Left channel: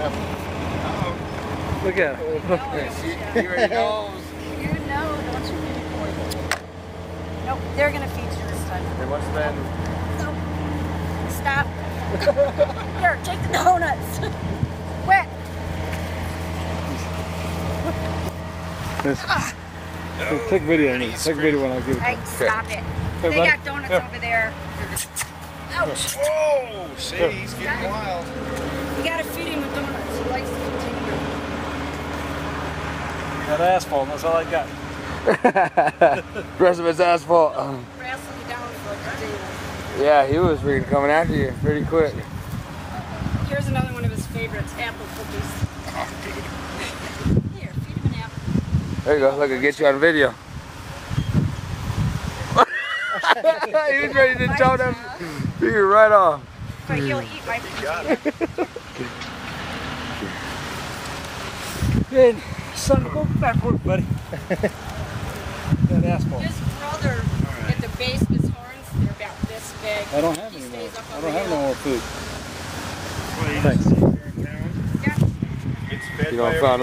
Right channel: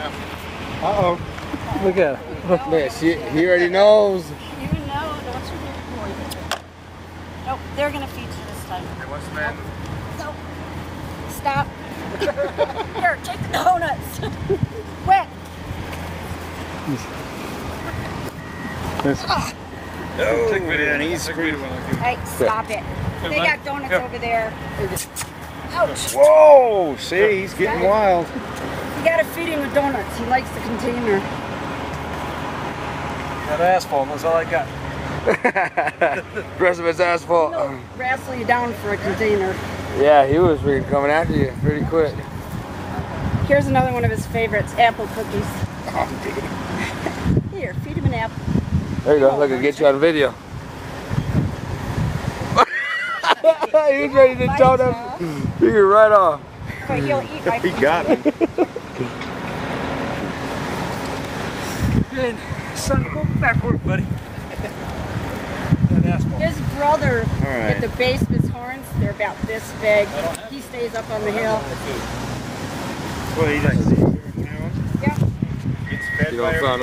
Uh-oh. Look at her. Look, he already knows. You know, don't you really point. Nope, they're going to feed you this time. Hey, what's the matter? No. Stop. Here, take the donuts. Wet. Take video. Man, he's Take video when I do. Hey, stop it. They got donuts over there. Ouch. Whoa! See, he's getting wild. You gotta feed him with donuts. He likes the container. Got asphalt, that's all I got. The rest of it's asphalt. He'll wrestle you down for a container. Yeah, he was freaking coming after you pretty quick. Here's another one of his favorites, apple cookies. Here, feed him an apple. There you go. Look, I'll get you on video. He was ready to throw that finger right off. He got it. Good. Son, go backward, buddy. That asphalt. His brother, right. at the base of his horns, they're about this big. I don't have He any stays up on I the don't have no hill. more food. Well, he Thanks. doesn't. Yeah. It's fed You by don't find